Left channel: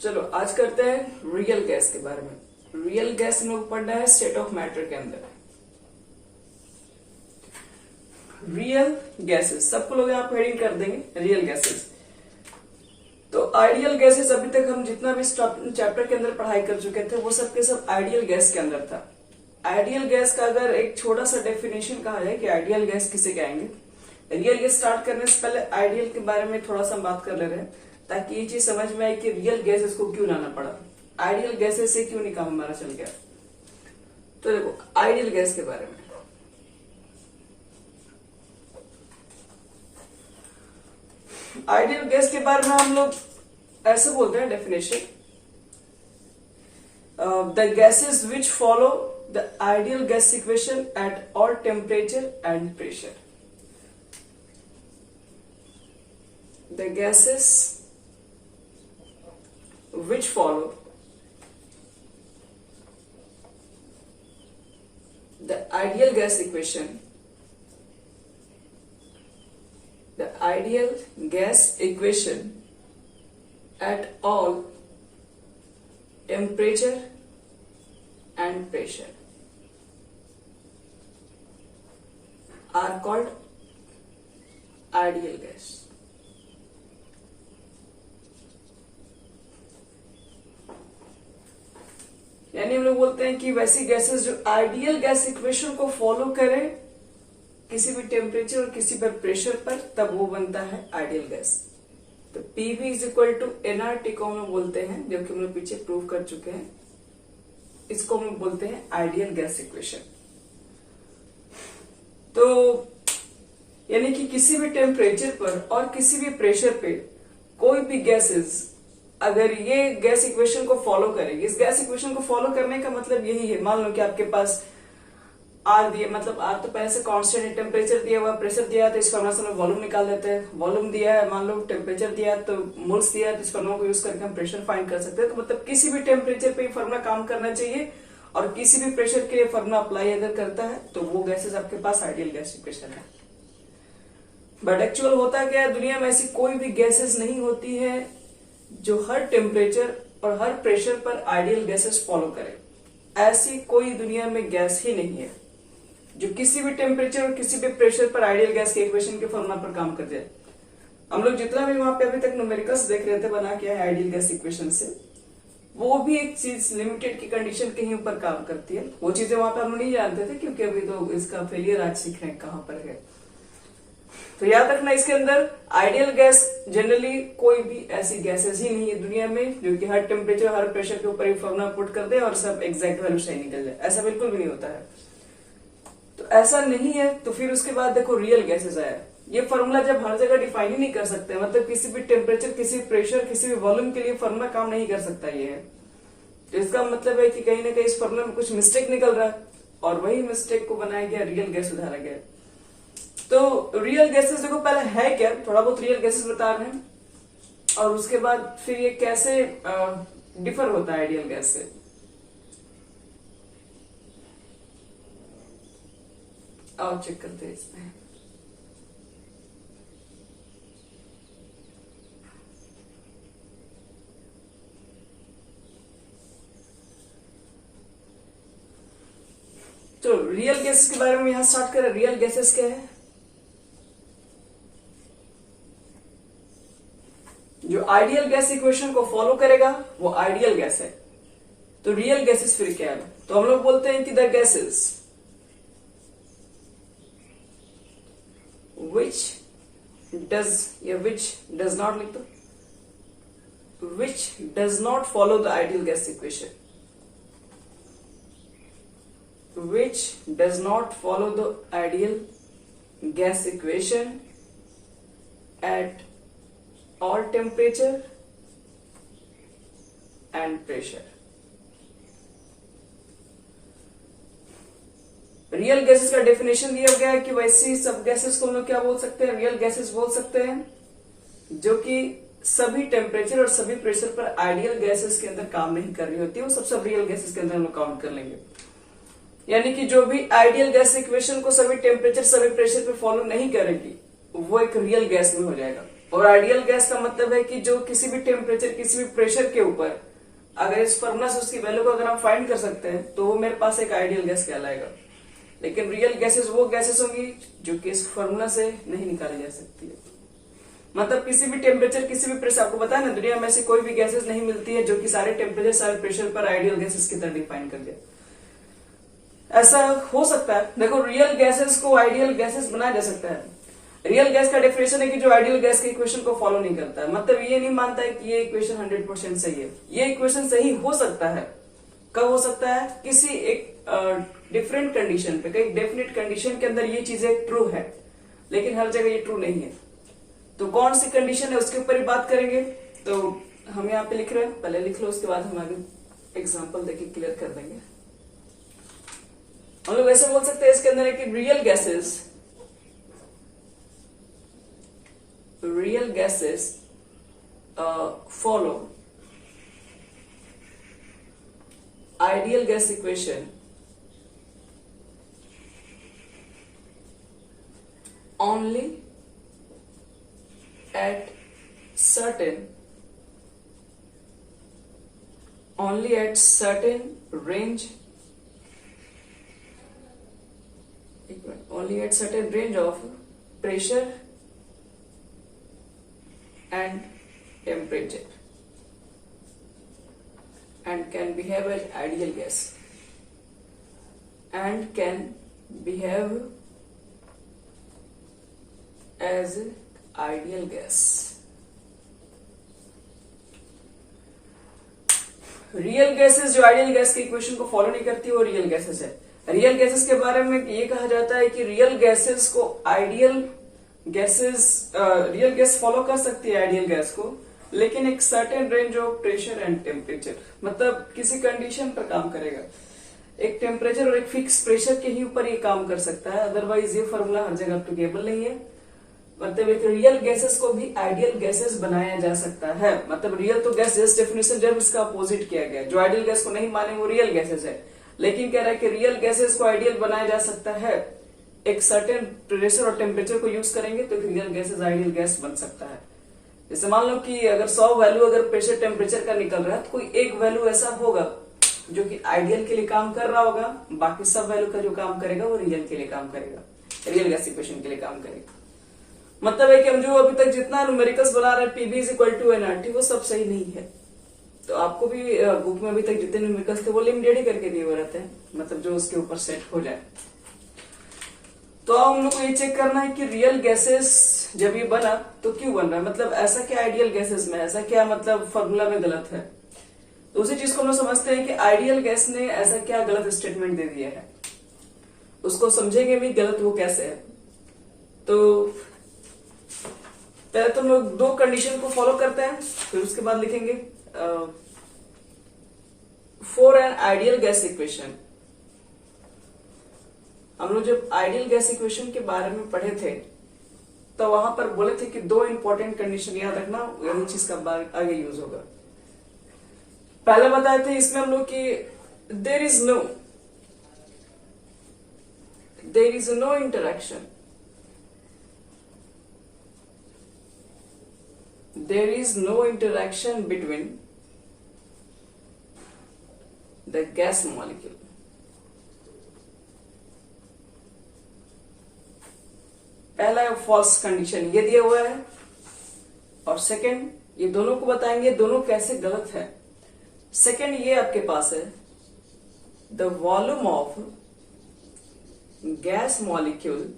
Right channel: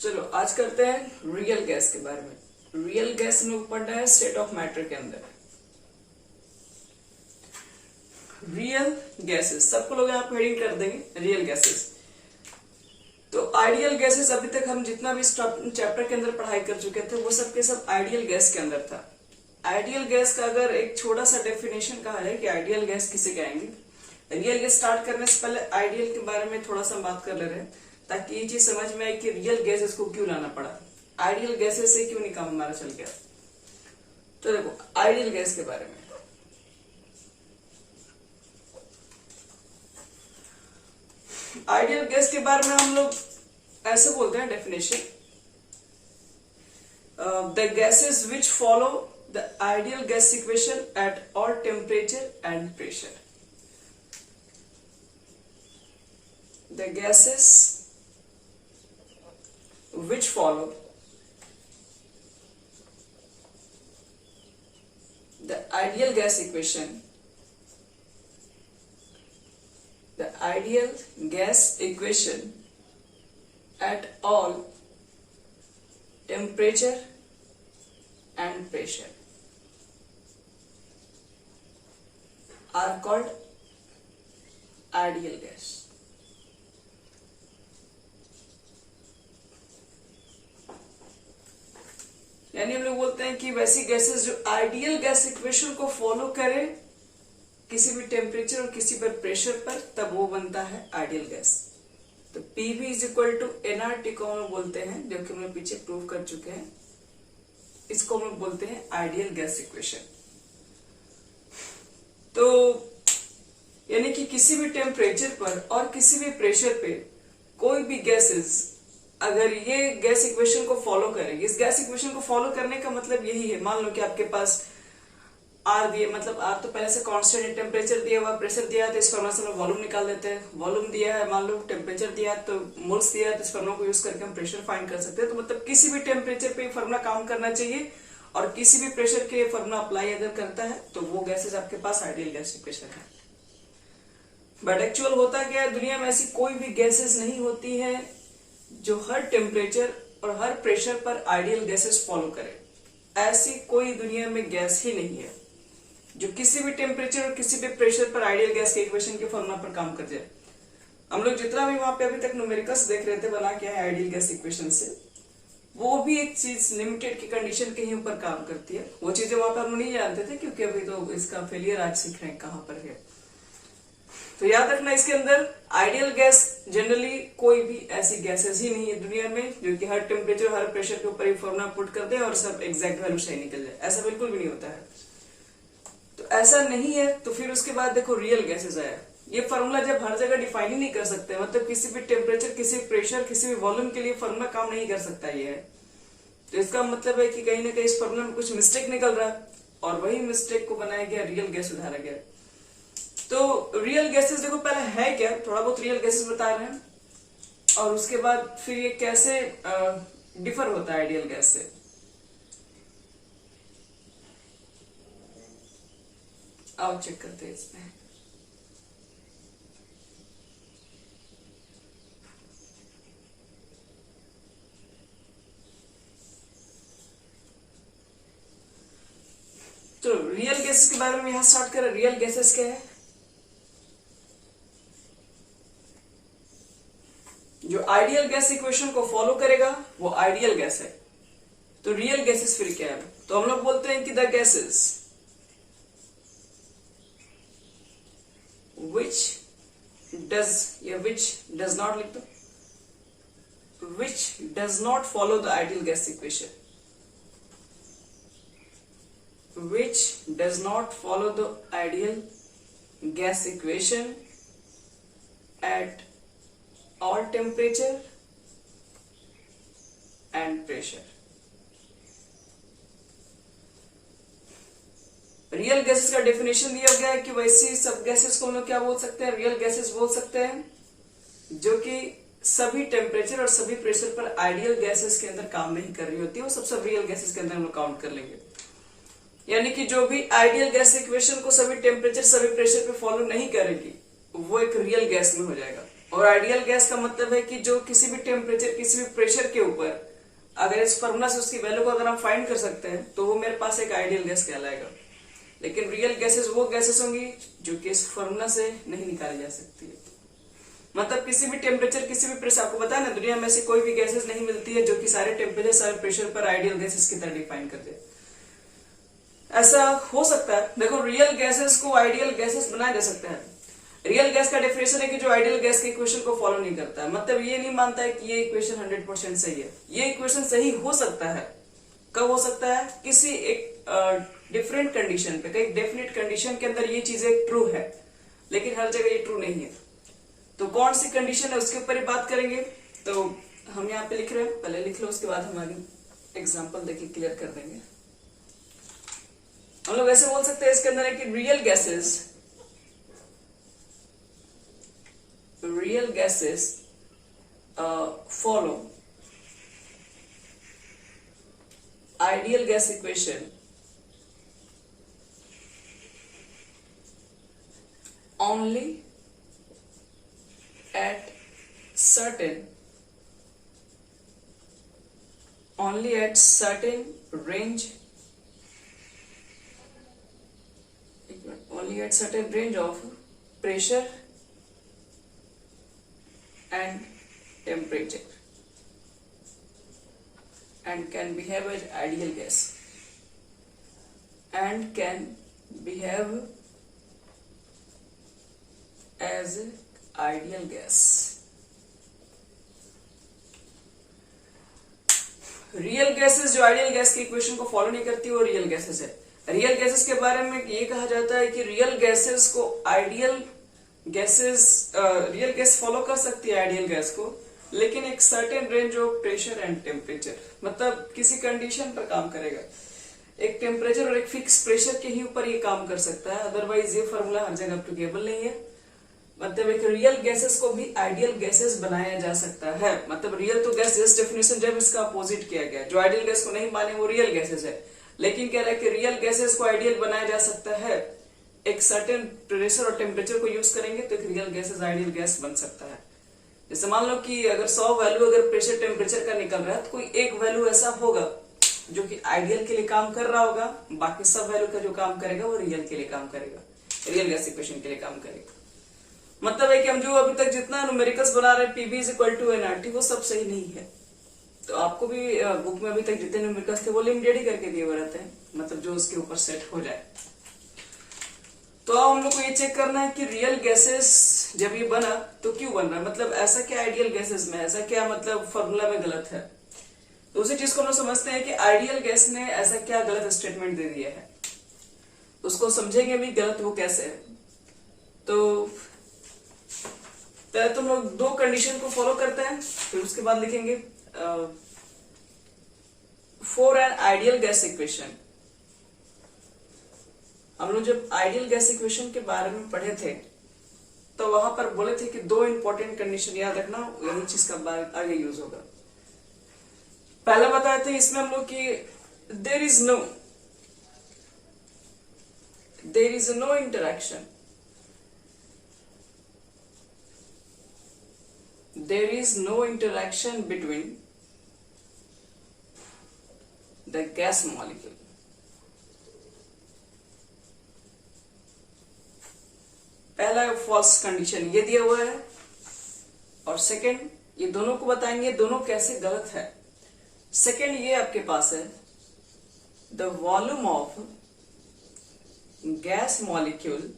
चलो आज करते हैं रियल गैस के बारे में। रियल गैस में पढ़ना है स्टेट ऑफ मैटर के अंदर। रियल गैसेस सबको लोग यहाँ हेडिंग कर देंगे रियल गैसेस। तो आइडियल गैसेस अभी तक हम जितना भी चैप्टर के अंदर पढ़ाई कर चुके थे वो सब के सब आइडियल गैस के अंदर था। आइडियल गैस का अगर एक छोटा सा डेफिनेशन कहा जाए कि आइडियल गैस किसे कहेंगे, रियल गैस स्टार्ट करने से पहले आइडियल के बारे में थोड़ा सा बात कर ले रहे हैं ताकि ये चीज समझ में आए कि रियल गैसेस को क्यों लाना पड़ा, आइडियल गैसेस से क्यों नहीं काम हमारा चल गया। तो देखो आइडियल गैस के बारे में, आइडियल गैस के बारे में हम लोग ऐसे बोलते हैं definition, the gases which follow the ideal gas equation at all temperature and pressure. The gases which follow the ideal gas equation, the ideal gas equation at all temperature and pressure are called ideal gas. यानी हम लोग बोलते हैं कि वैसी gases जो ideal gas equation को follow करे किसी भी टेम्परेचर और किसी भी प्रेशर पर, तब वो बनता है आइडियल गैस। तो PV is equal to nRT को हम लोग बोलते हैं, जो कि हम लोग पीछे प्रूव कर चुके हैं। इसको हम लोग बोलते हैं आइडियल गैस इक्वेशन। तो यानी कि किसी भी टेम्परेचर पर और किसी भी प्रेशर पे कोई भी गैसेस अगर ये गैस इक्वेशन को फॉलो करेगी, इस गैस इक्वेशन को फॉलो करने का मतलब यही है, मान लो कि आपके पास आर दिए, मतलब आर तो पहले से कांस्टेंट टेम्परेचर दिया हुआ, प्रेशर दिया है तो इस फॉर्मूला से हम वॉल्यूम निकाल देते हैं। वॉल्यूम दिया है, मान लो टेम्परेचर दिया तो मोल्स दिया है, तो इस फॉर्मूला को यूज करके हम प्रेशर फाइंड कर सकते हैं। तो मतलब किसी भी टेम्परेचर पे फॉर्मूला काम करना चाहिए और किसी भी प्रेशर के फॉर्मूला अप्लाई अगर करता है तो वो गैसेस आपके पास आइडियल गैस इक्वेशन है। बट एक्चुअल होता क्या है, दुनिया में ऐसी कोई भी गैसेस नहीं होती है जो हर टेम्परेचर और हर प्रेशर पर आइडियल गैसेस फॉलो करे। ऐसी कोई दुनिया में गैस ही नहीं है जो किसी भी टेम्परेचर और किसी भी प्रेशर पर आइडियल गैस के इक्वेशन के फॉर्मूला पर काम कर जाए। हम लोग जितना भी वहां पे अभी तक न्यूमेरिकल्स देख रहे थे बना क्या है आइडियल गैस इक्वेशन से, वो भी एक चीज लिमिटेड की कंडीशन के ही ऊपर काम करती है। वो चीजें वहां पर हम नहीं जानते थे क्योंकि अभी तो इसका फेलियर आज सीख रहे हैं कहां पर है। तो याद रखना इसके अंदर आइडियल गैस जनरली कोई भी ऐसी गैसेस ही नहीं है दुनिया में जो कि हर टेम्परेचर हर प्रेशर के ऊपर फॉर्मूला पुट कर दे और सब एग्जैक्ट वैल्यू सही निकल जाए, ऐसा बिल्कुल भी नहीं होता है। तो ऐसा नहीं है। तो फिर उसके बाद देखो रियल गैसेस आया। ये फॉर्मूला जब हर जगह डिफाइन ही नहीं कर सकते, मतलब किसी भी टेम्परेचर किसी भी प्रेशर किसी भी वॉल्यूम के लिए फॉर्मूला काम नहीं कर सकता ये है, तो इसका मतलब है कि कहीं ना कहीं इस फॉर्मूला में कुछ मिस्टेक निकल रहा है और वही मिस्टेक को बनाया गया रियल गैस उधारा गया। तो रियल गैसेस देखो पहले है क्या, थोड़ा बहुत रियल गैसेस बता रहे हैं और उसके बाद फिर ये कैसे डिफर होता है आइडियल गैस से। आओ चेक करते हैं इसमें। तो रियल गैसेस के बारे में यहां स्टार्ट करें। रियल गैसेस क्या है? जो आइडियल गैस इक्वेशन को फॉलो करेगा वो आइडियल गैस है। तो रियल गैसेस फिर क्या है? तो हम लोग बोलते हैं कि the gases which does not लिख दो, which does not follow the ideal gas equation, which does not follow the ideal gas equation at all temperature and pressure। Real gases का डेफिनेशन दिया गया है कि वैसी सब गैसेस को हम लोग क्या बोल सकते हैं, रियल गैसेस बोल सकते हैं जो कि सभी टेम्परेचर और सभी प्रेशर पर आइडियल गैसेस के अंदर काम नहीं कर रही होती है, वो सब रियल गैसेस के अंदर हम लोग काउंट कर लेंगे। यानी कि जो भी आइडियल गैस इक्वेशन को सभी टेम्परेचर सभी प्रेशर पे फॉलो नहीं करेगी वो एक रियल गैस में हो जाएगा। और आइडियल गैस का मतलब है कि जो किसी भी टेम्परेचर किसी भी प्रेशर के ऊपर अगर इस फॉर्मूला से उसकी वैल्यू को अगर हम फाइंड कर सकते हैं तो वो मेरे पास एक आइडियल गैस कहलाएगा। लेकिन रियल गैसेस वो गैसेस होंगी जो कि इस फॉर्मूला से नहीं निकाली जा सकती है। मतलब किसी भी टेम्परेचर किसी भी प्रेशर, आपको पता है ना दुनिया में से कोई भी गैसेस नहीं मिलती है जो कि सारे टेम्परेचर सारे प्रेशर पर आइडियल गैसेस की तरह डिफाइन कर दे। ऐसा हो सकता है। देखो रियल गैसेस को आइडियल गैसेस बनाया जा सकता है। रियल गैस का डेफिनेशन है कि जो आइडियल गैस के इक्वेशन को फॉलो नहीं करता है, मतलब ये नहीं मानता है कि ये इक्वेशन 100% सही है। ये इक्वेशन सही हो सकता है, कब हो सकता है, किसी एक डिफरेंट कंडीशन पे, कई डेफिनेट कंडीशन के अंदर ये चीजें ट्रू है, लेकिन हर जगह ये ट्रू नहीं है। तो कौन सी कंडीशन है उसके ऊपर ही बात करेंगे। तो हम यहाँ पे लिख रहे हैं, पहले लिख लो उसके बाद हम आगे एग्जाम्पल देके क्लियर कर देंगे। हम लोग ऐसे बोल सकते हैं इसके अंदर है कि real gases follow ideal gas equation only at certain range of pressure and temperature and can behave as ideal gas and can behave as ideal gas। Real gases जो आइडियल गैस के इक्वेशन को follow नहीं करती वो real gases है। Real gases के बारे में ये कहा जाता है कि रियल गैसेस को रियल गैस फॉलो कर सकती है आइडियल गैस को, लेकिन एक certain range of pressure and temperature, मतलब किसी कंडीशन पर काम करेगा। एक टेम्परेचर और एक फिक्स प्रेशर के ही ऊपर ये काम कर सकता है, अदरवाइज ये फॉर्मूला हर जगह एप्लीकेबल नहीं है। मतलब एक रियल गैसेस को भी आइडियल गैसेस बनाया जा सकता है। मतलब रियल तो गैस जस्ट डेफिनेशन जब इसका अपोजिट किया गया, जो आइडियल गैस को नहीं माने वो रियल गैसेस है, लेकिन कह रहा है कि रियल गैसेस को आइडियल बनाया जा सकता है। एक सर्टेन प्रेशर और टेम्परेचर को यूज करेंगे तो एक रियल गैसेस आइडियल गैस बन सकता है। जैसे मान लो कि अगर 100 वैल्यू अगर प्रेशर टेम्परेचर का निकल रहा है तो कोई एक वैल्यू ऐसा होगा जो कि आइडियल के लिए काम कर रहा होगा, बाकी सब वैल्यू का जो काम करेगा वो रियल के लिए काम करेगा, रियल गैस इक्वेशन के लिए काम करेगा। मतलब है कि हम जो अभी तक जितना न्यूमेरिकल्स बना रहे हैं PV = nRT वो सब सही नहीं है। तो आपको भी बुक में अभी तक जितने न्यूमेरिकल्स थे वो लिमिटेड ही करके दिए हुए रहते हैं, मतलब जो उसके ऊपर सेट हो जाए। तो हम लोग को ये चेक करना है कि रियल गैसेस जब ये बना तो क्यों बन रहा है, मतलब ऐसा क्या आइडियल गैसेस में, ऐसा क्या मतलब फॉर्मूला में गलत है। दूसरी चीज को हम लोग समझते हैं कि आइडियल गैस ने ऐसा क्या गलत स्टेटमेंट दे दिया है, उसको समझेंगे भी गलत वो कैसे है। तो पहले तो हम लोग दो कंडीशन को फॉलो करते हैं, फिर उसके बाद लिखेंगे for an ideal gas equation. हम लोग जब आइडियल गैस इक्वेशन के बारे में पढ़े थे तो वहां पर बोले थे कि दो इंपॉर्टेंट कंडीशन याद रखना, यही चीज का आगे यूज होगा। पहले बताए थे इसमें हम लोग कि there is no interaction, there is no interaction between the gas molecule। पहला फॉल्स कंडीशन ये दिया हुआ है, और सेकंड ये दोनों को बताएंगे दोनों कैसे गलत है। सेकंड ये आपके पास है the volume of gas molecule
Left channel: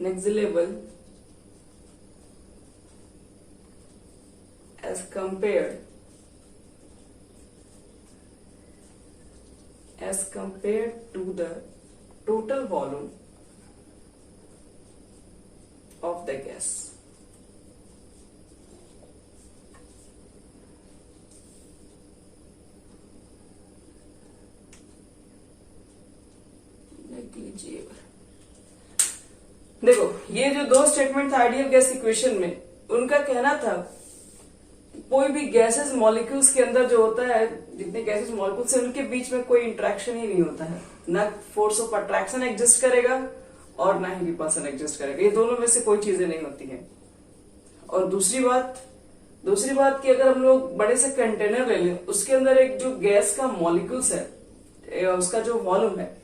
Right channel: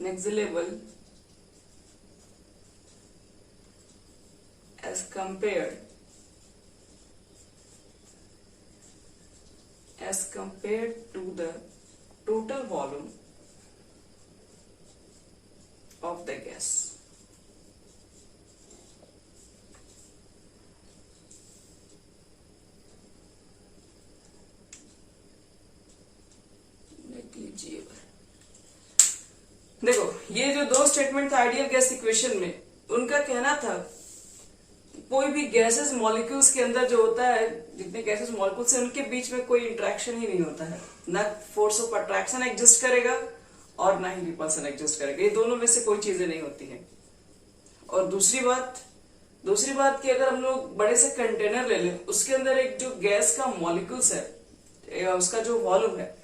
negligible as compared to the total volume of the gas। negligible। देखो ये जो दो स्टेटमेंट था आइडियल गैस इक्वेशन में, उनका कहना था कोई भी गैसेस मॉलिक्यूल्स के अंदर जो होता है, जितने गैसेस मॉलिक्यूल्स हैं उनके बीच में कोई इंटरेक्शन ही नहीं होता है, ना फोर्स ऑफ अट्रैक्शन एग्जिस्ट करेगा और ना ही रिपल्सन एग्जिस्ट करेगा, ये दोनों में से कोई चीजें नहीं होती हैं। और दूसरी बात कि अगर हम लोग बड़े से कंटेनर ले लें, उसके अंदर एक जो गैस का मॉलिक्यूल्स है, उसका जो वॉल्यूम है,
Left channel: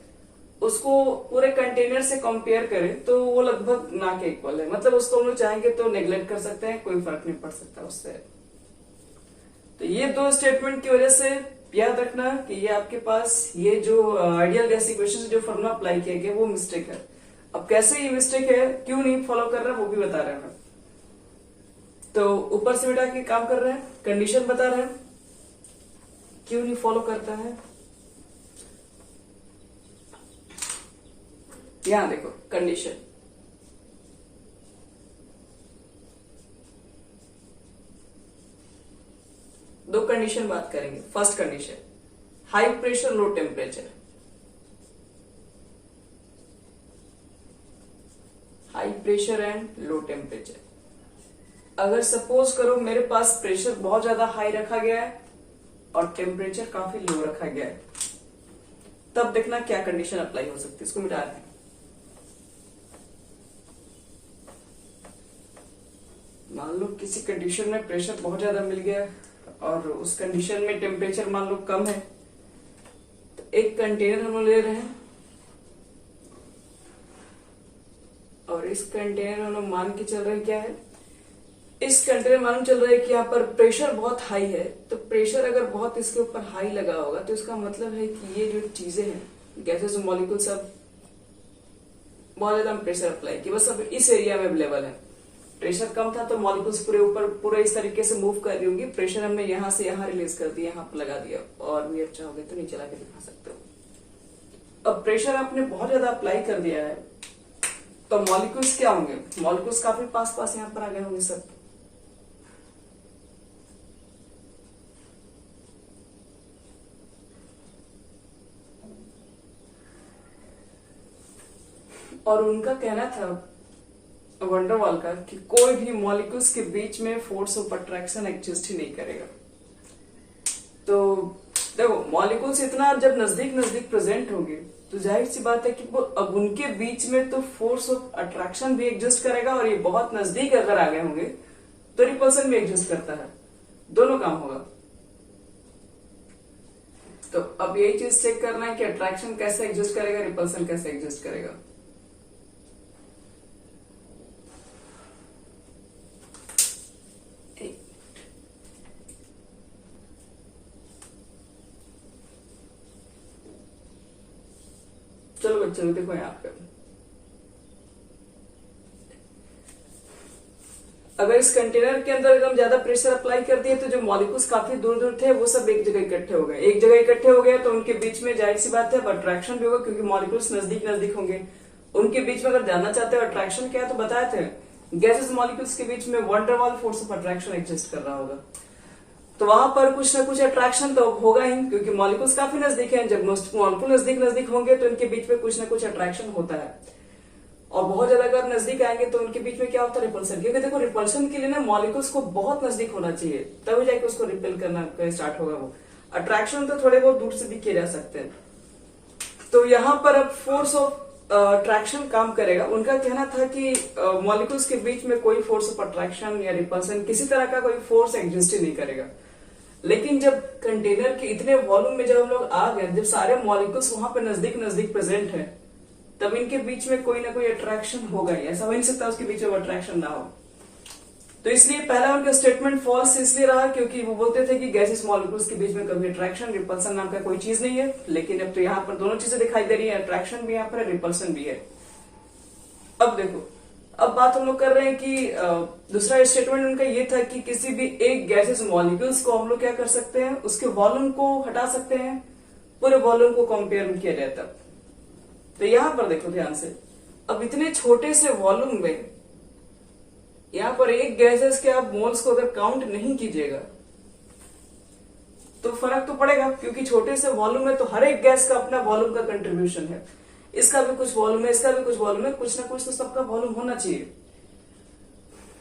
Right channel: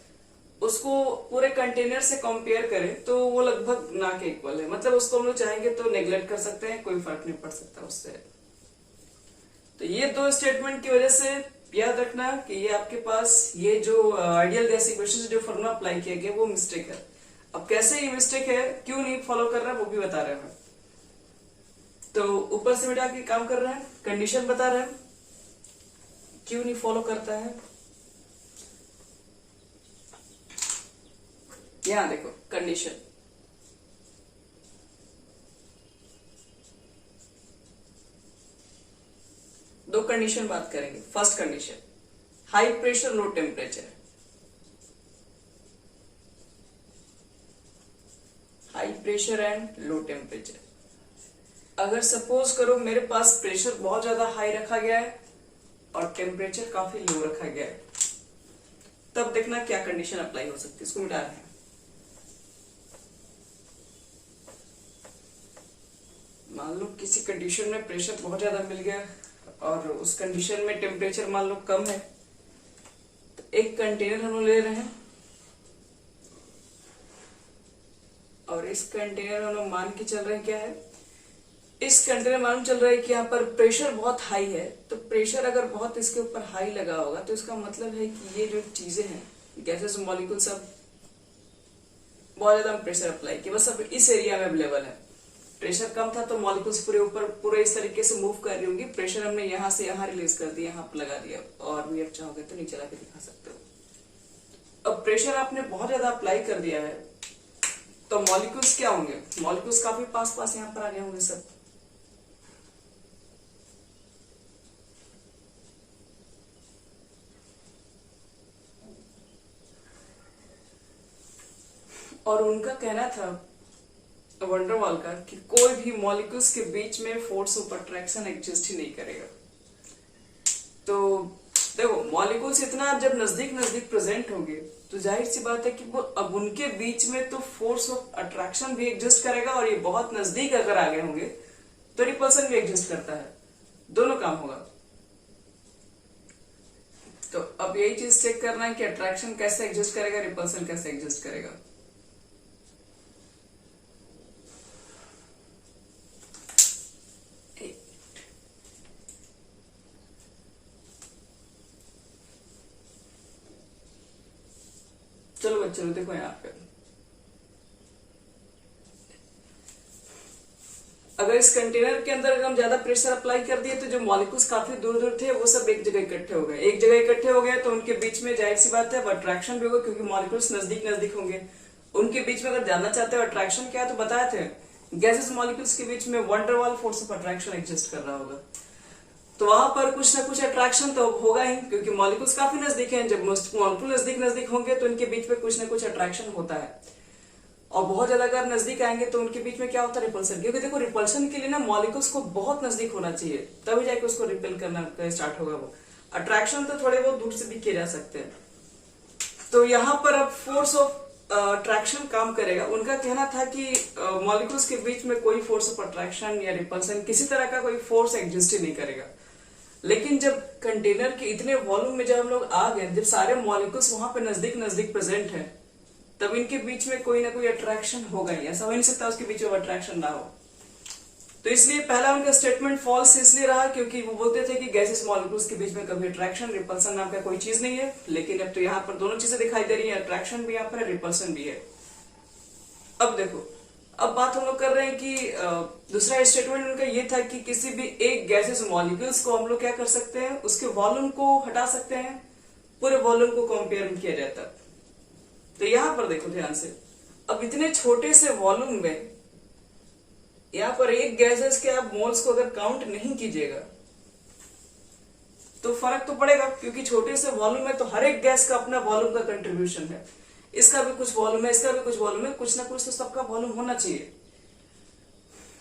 उसको पूरे कंटेनर से कंपेयर करें तो वो लगभग ना के इक्वल है। मतलब उसको हम लोग चाहेंगे तो नेग्लेक्ट कर सकते हैं, कोई फर्क नहीं पड़ सकता उससे। तो ये दो स्टेटमेंट की वजह से याद रखना कि ये आपके पास ये जो आइडियल गैस इक्वेशन से जो फॉर्मूला अप्लाई किया गया वो मिस्टेक है। अब कैसे ये मिस्टेक है, क्यों नहीं फॉलो कर रहा है, वो भी बता रहे हैं। तो ऊपर से बेटा के काम कर रहे हैं, कंडीशन बता रहे हैं, क्यों नहीं फॉलो करता है। यहां देखो कंडीशन, दो कंडीशन बात करेंगे। First condition, high pressure low temperature. High pressure and low temperature. अगर सपोज करो मेरे पास प्रेशर बहुत ज्यादा हाई रखा गया है और टेम्परेचर काफी लो रखा गया है, तब देखना क्या कंडीशन अप्लाई हो सकती है। इसको मिटा दें। मान लो किसी कंडीशन में प्रेशर बहुत ज्यादा मिल गया और उस कंडीशन में टेम्परेचर मान लो कम है, तो एक कंटेनर हम लोग ले रहे हैं और इस कंटेनर हम लोग मान के चल रहे हैं क्या है, इस कंटेनर मालूम चल रहा है कि यहाँ पर प्रेशर बहुत हाई है। तो प्रेशर अगर बहुत इसके ऊपर हाई लगा होगा तो इसका मतलब है कि ये जो चीजें हैं, गैसेस मॉलिक्यूल सब बहुत ज्यादा प्रेशर अप्लाई किया, बस अब इस एरिया में अवेलेबल है। प्रेशर कम था तो मॉलिक्यूल्स पूरे ऊपर पूरे इस तरीके से मूव कर रही होंगी। प्रेशर हमने यहाँ से यहाँ रिलीज कर दिया, यहाँ पर लगा दिया, और भी अच्छा चाहोगे तो नीचे लाके दिखा सकते हो। अब प्रेशर आपने बहुत ज्यादा अप्लाई कर दिया है तो मॉलिक्यूल्स क्या होंगे, मॉलिक्यूल्स काफी पास पास यहाँ पर आ गए होंगे सब। और उनका कहना था वंडरवॉल का कि कोई भी मॉलिक्यूल्स के बीच में फोर्स ऑफ अट्रैक्शन एग्जिस्ट ही नहीं करेगा। तो देखो मॉलिक्यूल्स इतना जब नजदीक नजदीक प्रेजेंट होंगे तो जाहिर सी बात है कि वो अब उनके बीच में तो फोर्स ऑफ अट्रैक्शन भी एग्जिस्ट करेगा, और ये बहुत नजदीक अगर आ गए होंगे तो रिपल्सन भी एग्जिस्ट करता है, दोनों काम होगा। तो अब यही चीज चेक करना है कि अट्रैक्शन कैसे एग्जिस्ट करेगा, रिपल्सन कैसे एग्जिस्ट करेगा। चलो बच्चों देखो यहाँ पे, अगर इस कंटेनर के अंदर अगर हम ज्यादा प्रेशर अप्लाई कर दिए तो जो मॉलिक्यूल्स काफी दूर दूर थे वो सब एक जगह इकट्ठे हो गए। एक जगह इकट्ठे हो गए तो उनके बीच में जाहिर सी बात है अब अट्रैक्शन भी होगा, क्योंकि मॉलिक्यूल्स नजदीक नजदीक होंगे। उनके बीच में अगर जानना चाहते हो अट्रैक्शन क्या है तो बताए थे, गैसेस मॉलिक्यूल्स के बीच में van der Waals force of attraction exist कर रहा होगा। तो वहां पर कुछ ना कुछ अट्रैक्शन तो होगा ही, क्योंकि मॉलिक्यूल्स काफी नजदीक हैं। जब मॉलिक्यूल नजदीक नजदीक होंगे तो उनके बीच में कुछ ना कुछ अट्रैक्शन होता है, और बहुत ज्यादा अगर नजदीक आएंगे तो उनके बीच में क्या होता है, रिपल्सन। क्योंकि देखो रिपल्सन के लिए ना मॉलिक्यूल्स को बहुत नजदीक होना चाहिए, तभी जाके उसको रिपेल करना स्टार्ट होगा। वो अट्रैक्शन तो थोड़े बहुत दूर से भी किए जा सकते हैं। तो यहाँ पर अब फोर्स ऑफ अट्रैक्शन काम करेगा। उनका कहना था कि मॉलिक्यूल्स के बीच में कोई फोर्स ऑफ अट्रैक्शन या रिपल्सन किसी तरह का कोई फोर्स एग्जिस्ट ही नहीं करेगा। लेकिन जब कंटेनर के इतने वॉल्यूम में जब हम लोग आ गए, जब सारे मॉलिक्यूल्स वहां पे नजदीक नजदीक प्रेजेंट है, तब इनके बीच में कोई ना कोई अट्रैक्शन होगा ही। ऐसा हो नहीं सकता उसके बीच में अट्रैक्शन ना हो। तो इसलिए पहला उनका स्टेटमेंट फॉल्स इसलिए रहा क्योंकि वो बोलते थे कि गैसेस मॉलिक्यूल्स के बीच में कभी अट्रैक्शन रिपल्सन नाम का कोई चीज नहीं है। लेकिन अब तो यहाँ पर दोनों चीजें दिखाई दे रही है, अट्रैक्शन भी यहाँ पर है, रिपल्सन भी है। अब देखो, अब बात हम लोग कर रहे हैं कि दूसरा स्टेटमेंट उनका ये था कि किसी भी एक गैसेस मॉलिक्यूल्स को हम लोग क्या कर सकते हैं, उसके वॉल्यूम को हटा सकते हैं, पूरे वॉल्यूम को कंपेयर किया जाता है। तो यहां पर देखो ध्यान से, अब इतने छोटे से वॉल्यूम में यहां पर एक गैसेस के आप मोल्स को अगर काउंट नहीं कीजिएगा तो फर्क तो पड़ेगा, क्योंकि छोटे से वॉल्यूम में तो हर एक गैस का अपना वॉल्यूम का कंट्रीब्यूशन है। इसका भी कुछ वॉल्यूम है, इसका भी कुछ वॉल्यूम है, कुछ ना कुछ तो सबका वॉल्यूम होना चाहिए।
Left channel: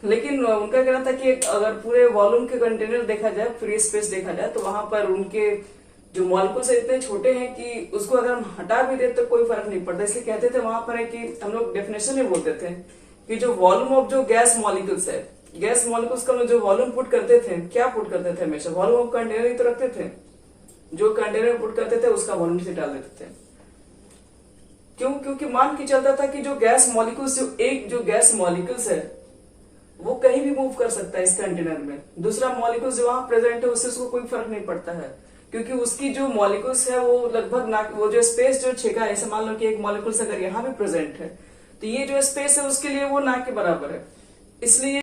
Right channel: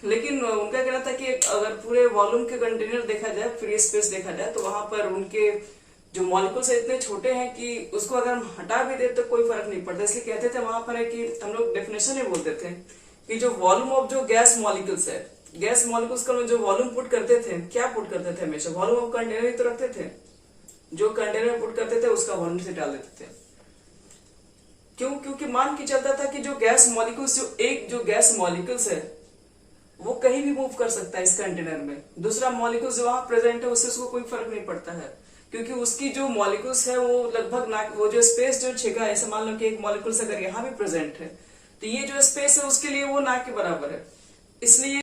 लेकिन उनका कहना था कि अगर पूरे वॉल्यूम के कंटेनर देखा जाए, फ्री स्पेस देखा जाए, तो वहां पर उनके जो मॉलिक्यूल्स है इतने छोटे हैं कि उसको अगर हम हटा भी दे तो कोई फर्क नहीं पड़ता। इसलिए कहते थे वहां पर है कि हम लोग डेफिनेशन में बोलते थे कि जो वॉल्यूम ऑफ जो गैस मॉलिक्यूल्स है, गैस मॉलिक्यूल्स का जो वॉल्यूम पुट करते थे, क्या पुट करते थे, हमेशा वॉल्यूम ऑफ कंटेनर ही तो रखते थे। जो कंटेनर पुट करते थे उसका वॉल्यूम से डाल देते थे। क्यों? क्योंकि मान के चलता था कि जो गैस मॉलिक्यूल्स, जो गैस मॉलिक्यूल्स है वो कहीं भी मूव कर सकता है इस कंटेनर में। दूसरा मॉलिक्यूल्स जो वहां प्रेजेंट है उससे उसको कोई फर्क नहीं पड़ता है, क्योंकि उसकी जो मॉलिक्यूल्स है वो लगभग ना, वो जो स्पेस जो छेका है, ऐसे मान लो कि एक मॉलिक्यूल्स अगर यहाँ भी प्रेजेंट है तो ये जो स्पेस है उसके लिए वो ना के बराबर है। इसलिए